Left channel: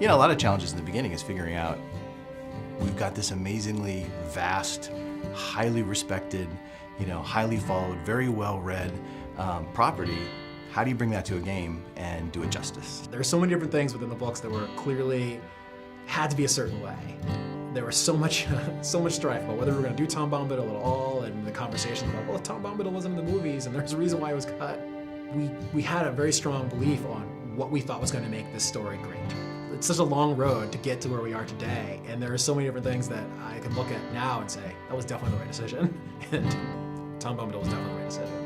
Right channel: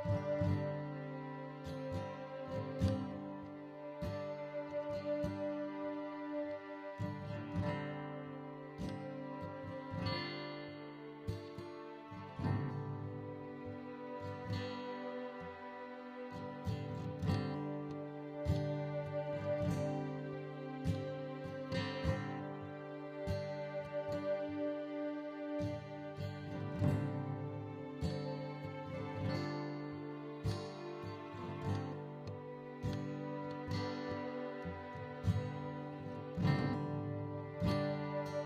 You know, a lot of challenges in the beginning is figuring out, we've got this amazingly vast, highly respected, you know, highly followed, very well-read property. How do you bring that to a game and do it justice? There are so many different things within the books that were clearly had to be a certain way. There was so much strife about whether we were going to do Tom Bombadil at all, and the conversation about, well, Tom Bombadil wasn't in the movies, and there's a reason why it was cut. We had a very strong belief on what we thought was going to make this story great. It's such a long road to get to where we are today, and there are so many different things that I can look at now and say, that was definitely the right decision, and Tom Bombadil was definitely the right decision.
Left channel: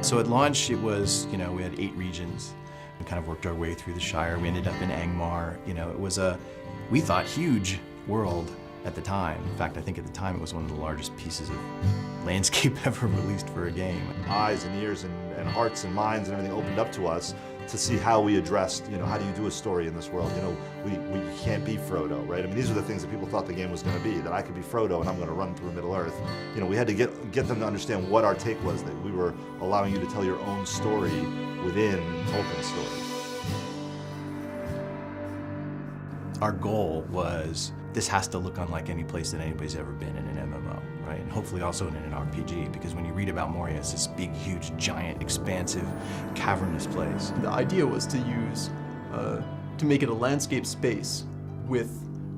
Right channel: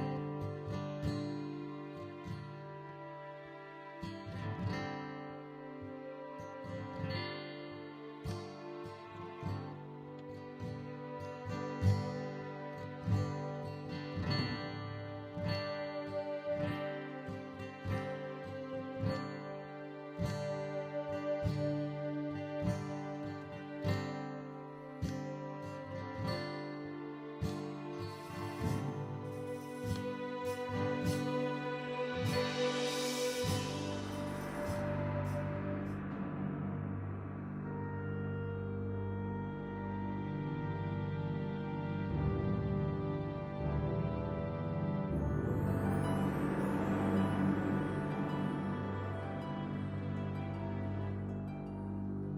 So at launch, it was, you know, we had 8 regions. We kind of worked our way through the Shire. We ended up in Angmar. You know, it was a, we thought, huge world at the time. In fact, I think at the time it was one of the largest pieces of landscape ever released for a game. Eyes and ears and hearts and minds and everything opened up to us to see how we addressed, you know, how do you do a story in this world? You know, we can't be Frodo, right? I mean, these are the things that people thought the game was going to be, that I could be Frodo and I'm going to run through Middle-earth. You know, we had to get them to understand what our take was, that we were allowing you to tell your own story within Tolkien's story. Our goal was, this has to look unlike any place that anybody's ever been in an MMO, right? And hopefully also in an RPG, because when you read about Moria, it's this big, huge, giant, expansive, cavernous place. The idea was to use, to make it a landscape space with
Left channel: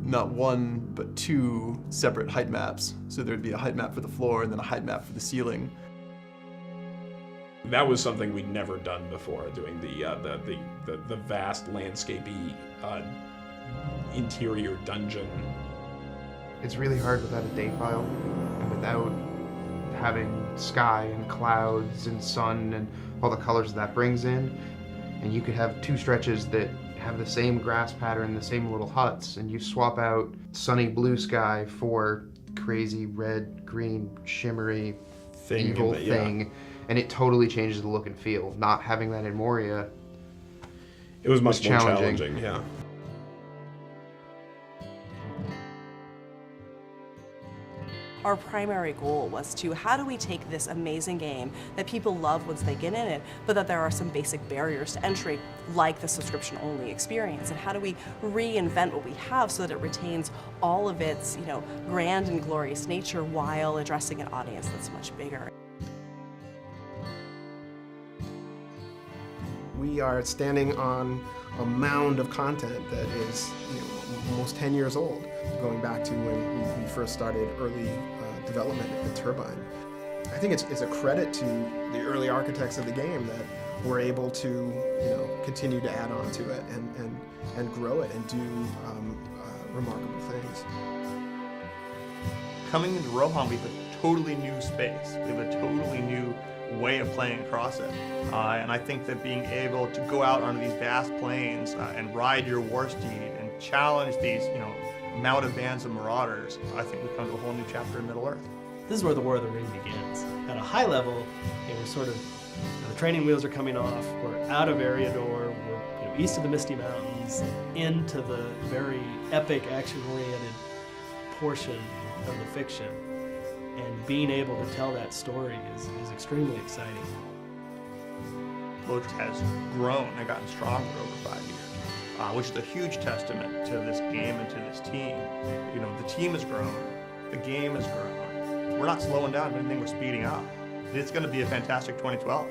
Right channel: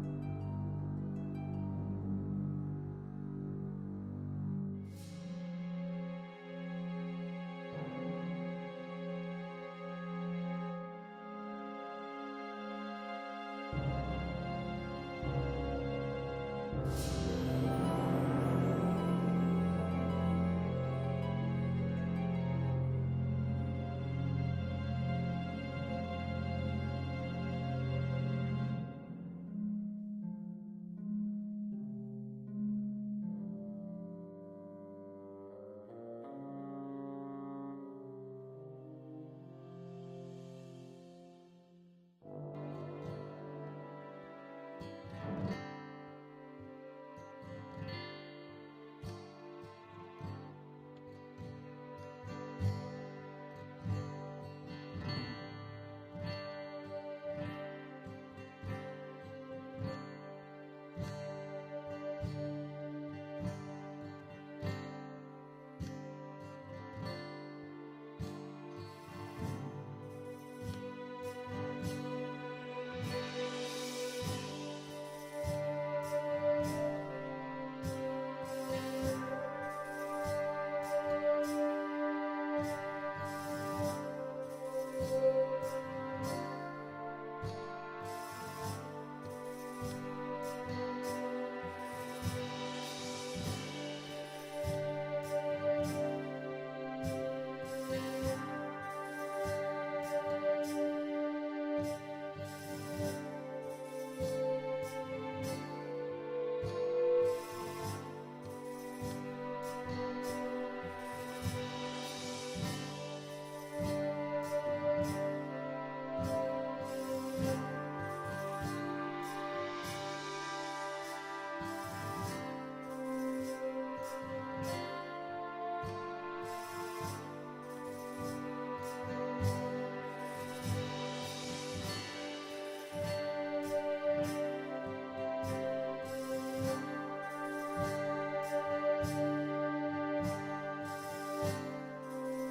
not one, but 2 separate height maps. So there'd be a height map for the floor and then a height map for the ceiling. That was something we'd never done before, doing the vast landscapey interior dungeon. It's really hard without a date file and without having sky and clouds and sun and all the colors that brings in. And you could have 2 stretches that have the same grass pattern, the same little huts, and you swap out sunny blue sky for crazy red, green, shimmery, evil thing, and it totally changes the look and feel. Not having that in Moria, it was much more challenging. Yeah. Our primary goal was to, how do we take this amazing game that people love once they get in it, but that there are some basic barriers to entry, like the subscription-only experience, and how do we reinvent what we have so that it retains all of its, you know, grand and glorious nature while addressing an audience that's much bigger. We are standing on a mound of content that is, you know, almost 10 years old, going back to when we first started early development of the Turbine. I think it's a credit to the early architects of the game that we're able to, you know, continue to add on to it and grow it and do remarkable things. Coming into Rohan, we have a totally new space. We have a totally new way of playing across it. And I think that being able to go out onto these vast plains and ride your war steed and challenge these, you know, mounted bands of marauders, I think we've come to a whole new chapter in Middle-earth. This is where the War of the Ring begins. At a high level, we're sort of, the training wheels are coming off, we're out of Eriador, we're east of the Misty Mountains, into the very epic, action-oriented portion of the fiction. And being able to tell that story is extremely exciting. Lodge has grown and gotten stronger over 5 years, which is a huge testament to this game and to this team. You know, the team has grown, the game has grown. We're not slowing down, if anything, we're speeding up. It's going to be a fantastic 2012.